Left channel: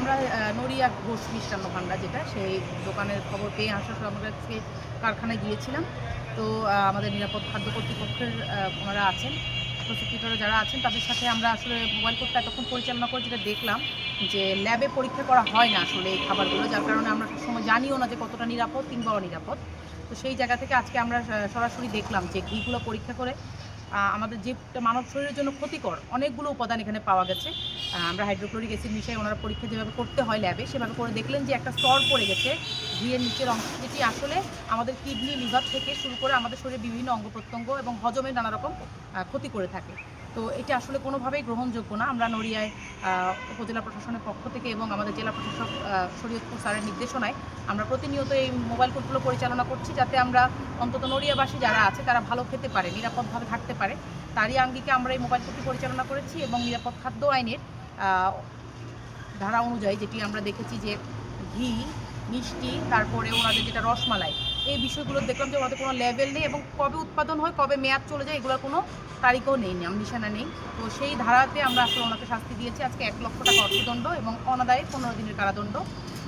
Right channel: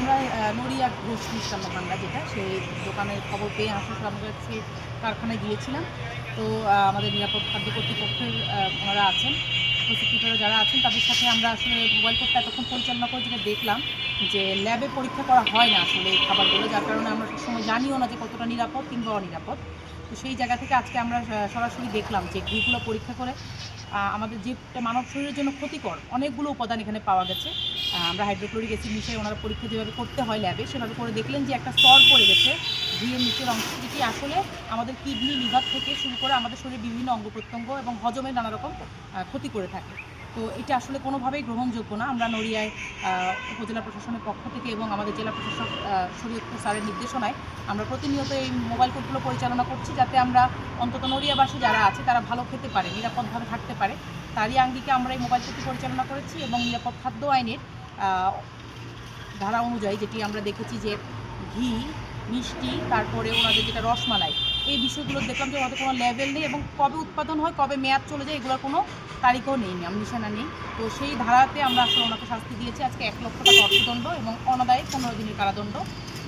আমরা নড়িয়া ঘোষ মিষ্টান্ন ভান্ডার যেটা, সেই দোকানের খবর পেয়ে আসার আমরা কাছে কারখানায় গিয়েছিলাম। তো আমাদের নিরাপদ খাদ্য কর্তৃপক্ষের ওনারা আছেন প্রসিকিউটর যারা আছেন, তাদের সাথে আমরা আসলে মোবাইল কোর্টটা এতক্ষণ পরিচালনা করে যেটা দেখলাম যে ল্যাবে পরীক্ষা করা হয় না আসলে এই খাবারগুলো, যার কারণে আমরা সময় জানিও না যে কতটা নিরাপদ কিংবা অনিরাপদ। তো সেই জায়গা থেকে আজকে আমরা সরাসরি দেখলাম যে ঘিগুলো পরীক্ষা করে আমাদের যেটা মানব শরীরের জন্য ক্ষতিকর, অনেকগুলো উপাদান এখানে পাওয়া গেছে। আমরা হাইড্রোক্লোরিক অ্যাসিড মিশিয়ে ওনারা পরীক্ষা যেভাবে করতে হয় ল্যাবে সেভাবে করে দেখলেন যে একটা স্তর পড়ে গেছে ঘিয়ের নিচের অংশ যেটি আসলে আমাদের কিডনি লিভার থেকে শুরু করে আমাদের শরীরের বিভিন্ন অঙ্গ প্রত্যঙ্গ এবং হজমের নানা রকম ক্ষতি করে থাকে। তো এটা আসলে কোনোভাবেই গ্রহণযোগ্য না। আমরা নড়িয়ায় উপজেলা প্রশাসনের পক্ষ থেকে এবং আমাদের জেলা প্রশাসক শরীয়তপুর স্যারের নির্দেশনায় আমরা প্রতিনিয়ত এই মোবাইল কোর্টগুলো পরিচালনা করছি যাতে আমরা অন্তত নড়িয়াবাসী যারা আছে তারা ভালো খেতে পারে, নিরাপদভাবে থাকতে পারে। তারই আঙ্গিকে আমরা এই মোবাইল কোর্টটি পরিচালনা করেছি এবং নিরাপদ খাদ্য আইনের ধারা অনুযায়ী যেটি আমরা দেখেছি যে ঘি, মিষ্টি, তারপরে ওনাদের যেটা রসমালাই এই বিষয়গুলো দেখলাম যে ওনাদের কোনো লেভেল নেই এবং কবে উৎপাদন হয়, কবে মেয়াদ চলে যায়, এগুলোর কোনো তারিখও নেই, নাম নিশানা নেই। তো সেই ধারাতে আমরা আসলে ওনাকে শাস্তি দিয়েছি। আজকে এক লক্ষ টাকা অর্থদণ্ড এবং অনাদায়ে পনেরো দিনের কারাদণ্ড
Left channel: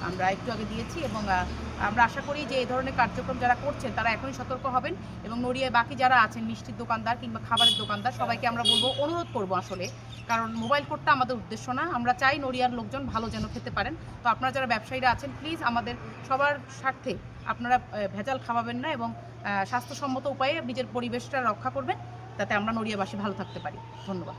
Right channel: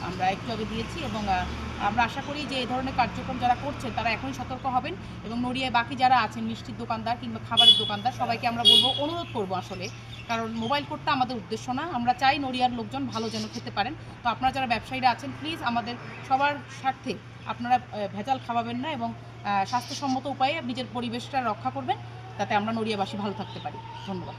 আমরা একটু আগে দিয়েছি এবং আমরা আশা করি যে এই ধরনের কার্যক্রম যারা করছেন তারা এখনই সতর্ক হবেন এবং নড়িয়ায় বাকি যারা আছেন, মিষ্টির দোকানদার কিংবা খাবারের দোকানদার, সবাইকে আমরা বলব, অনুরোধ করব আসলে কারণ মোবাইল কোর্টটা আমাদের উদ্দেশ্য না। আমরা চাই নড়িয়ার লোকজন ভালো যেন খেতে পারেন। তো আপনারা যারা ব্যবসায়ীরা আছেন প্লিজ আমাদের সবার স্বার্থে আপনারা ভেজাল খাওয়াবেন না এবং স্বাস্থ্যসম্মত উপায়ে নিজের পরিবেশটা রক্ষা করবেন, যাতে আমরা নড়িয়াবাসী ভালো থাকতে পারি। ধন্যবাদ।